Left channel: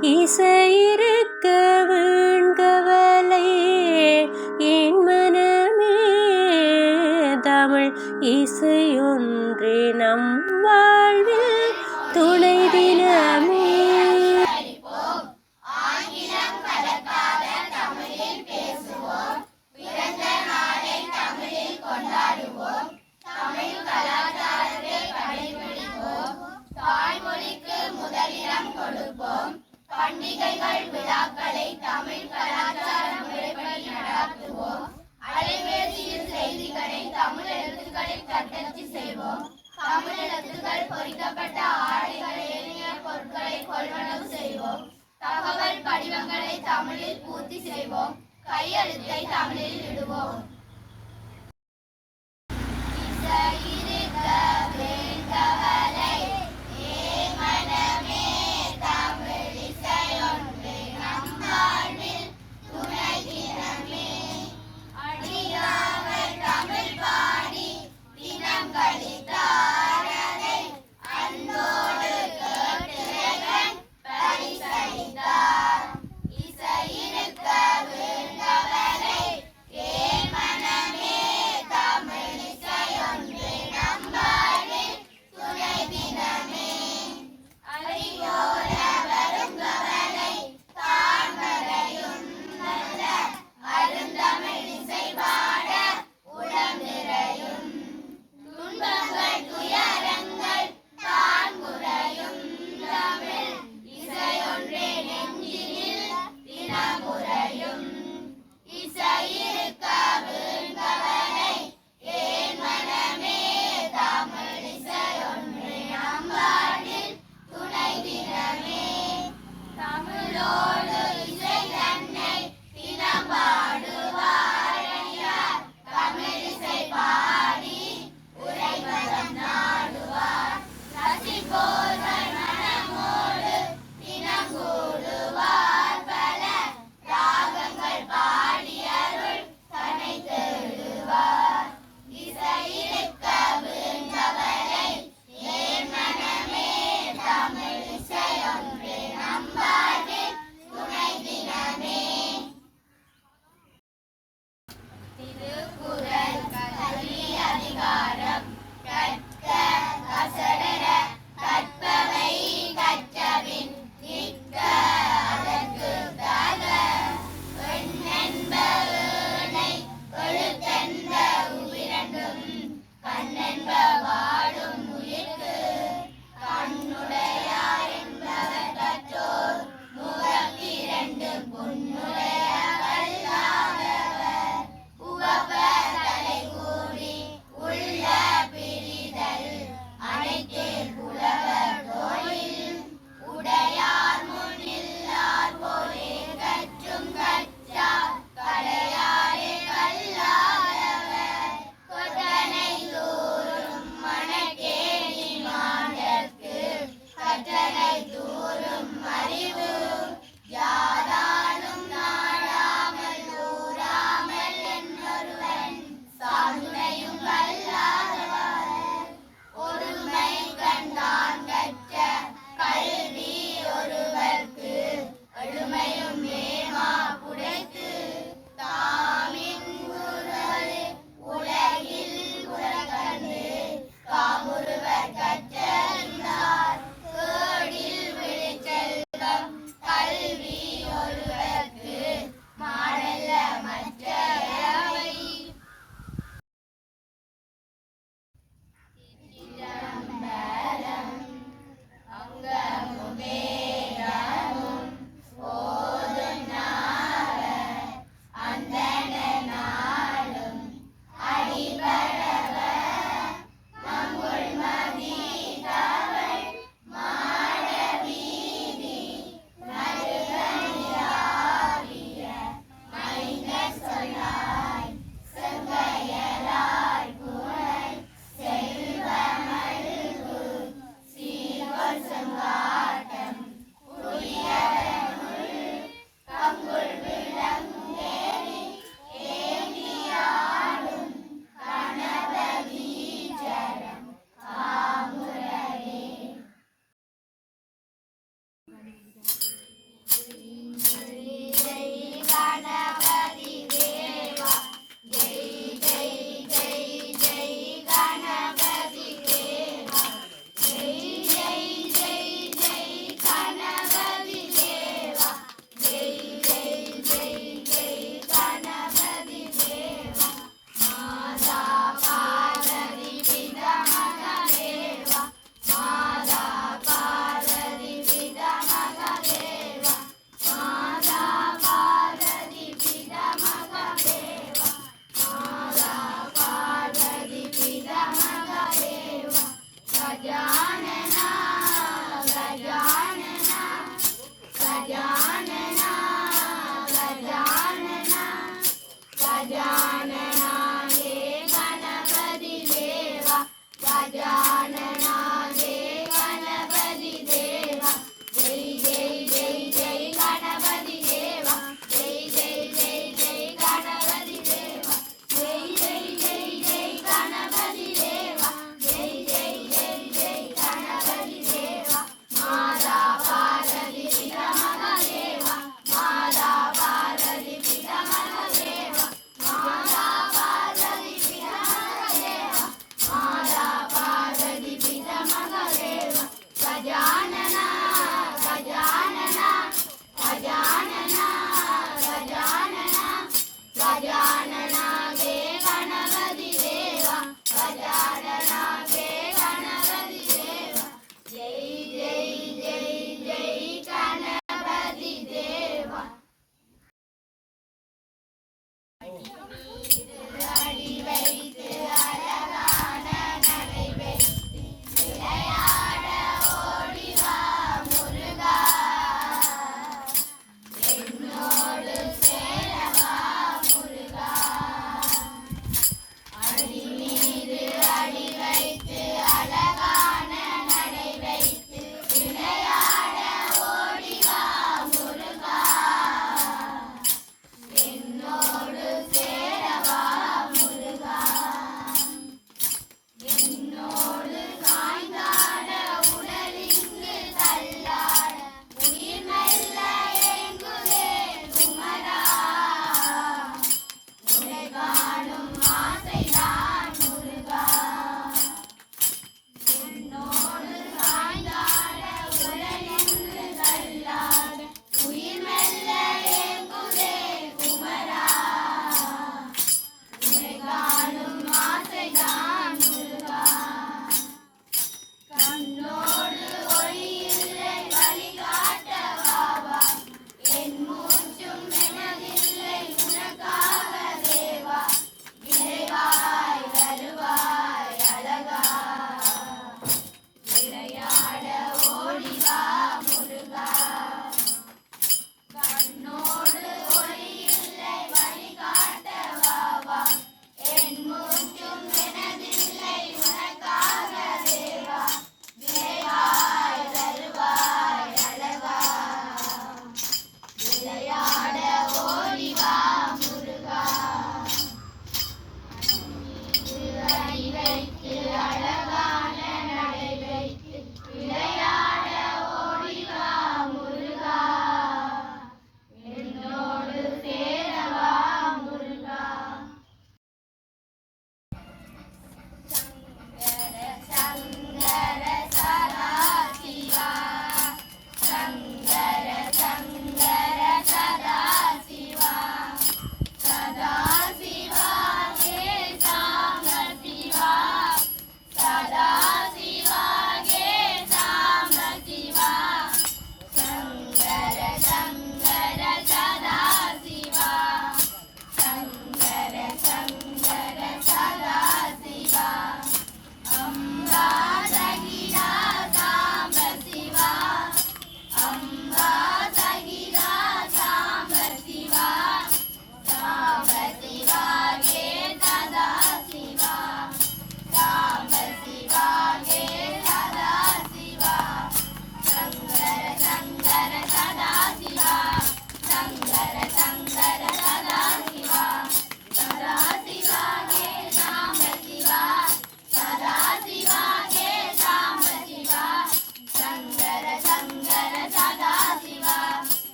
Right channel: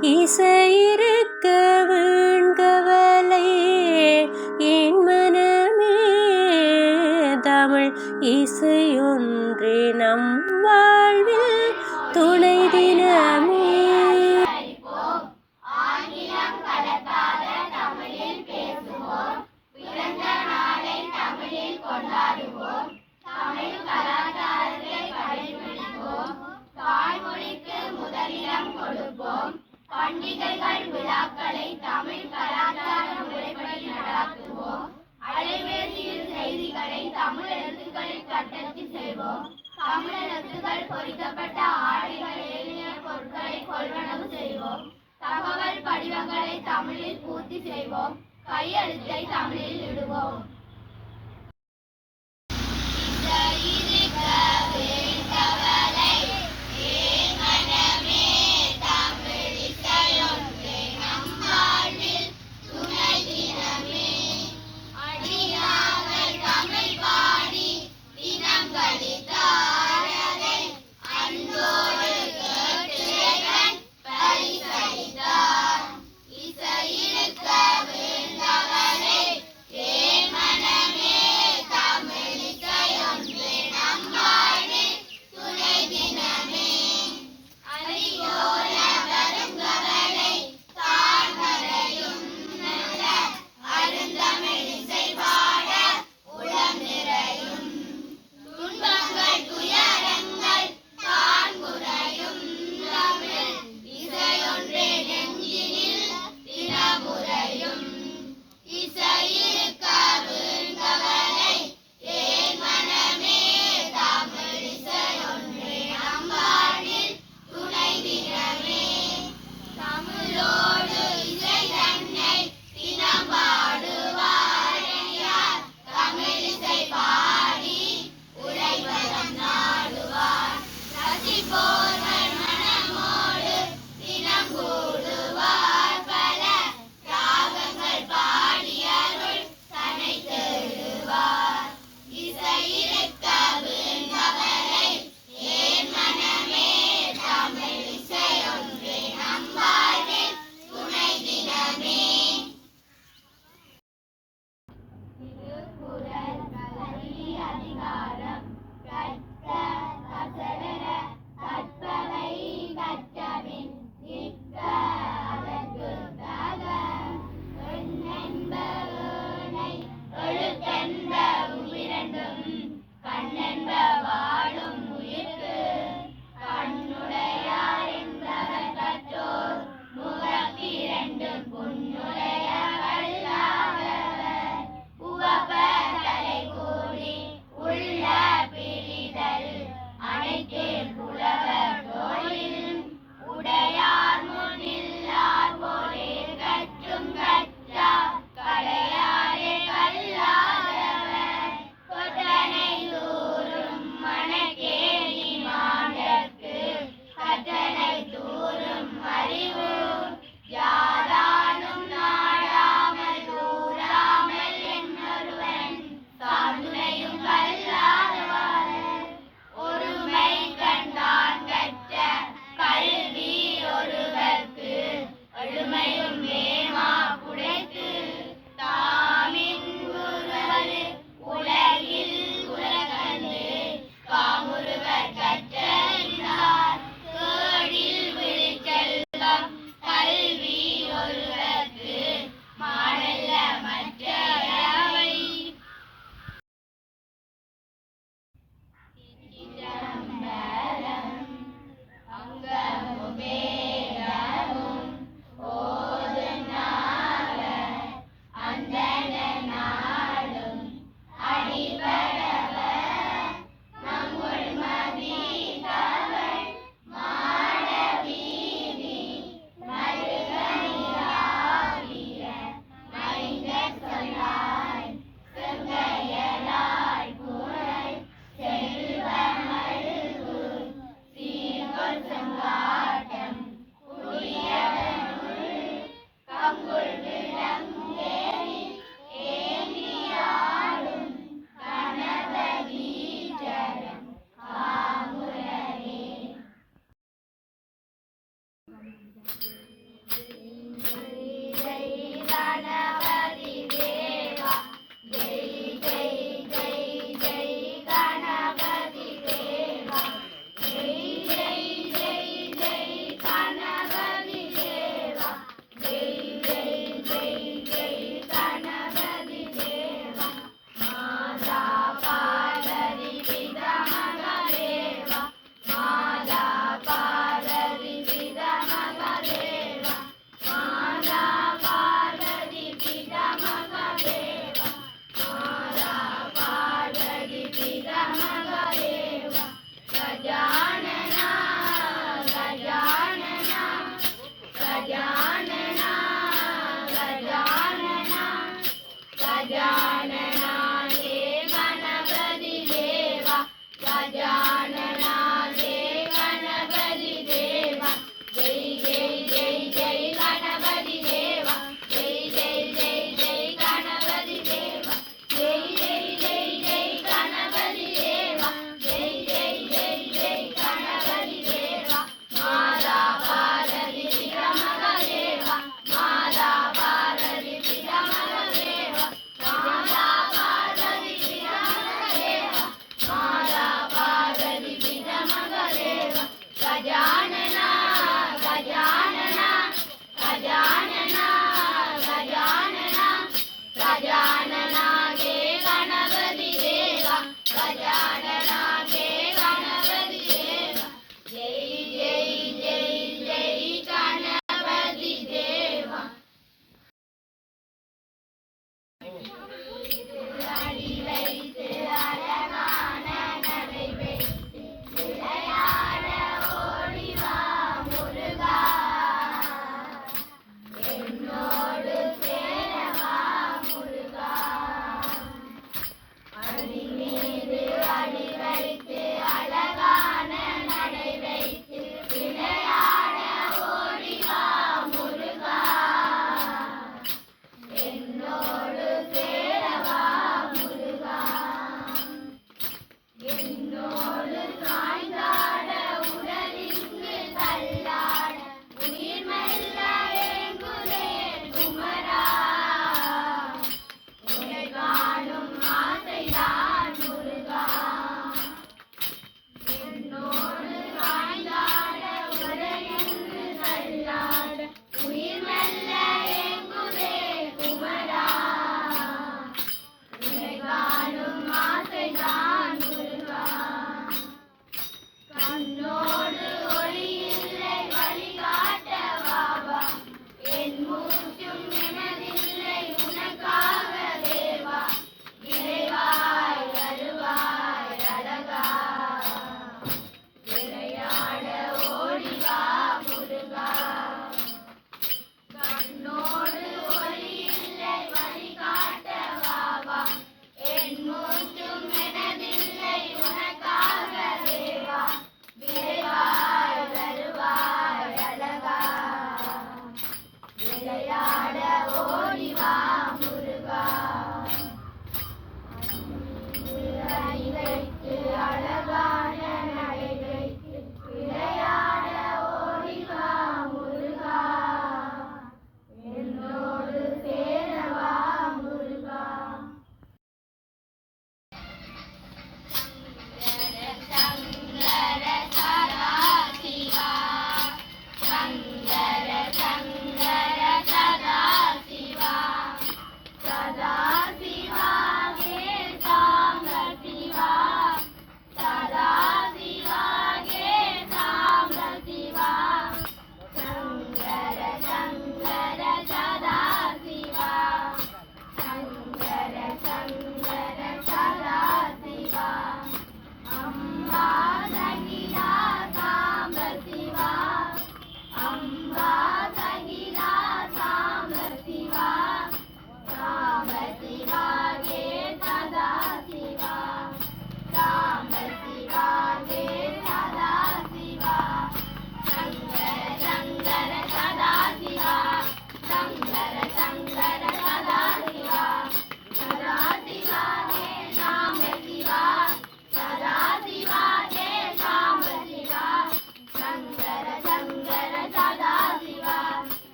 一岁。ஒருமனம் செய்வோம். தகவல் படிவங்களை தமிழில் பூர்த்தி செய்வோம். கையெழுத்தை தமிழில் விடுவோம்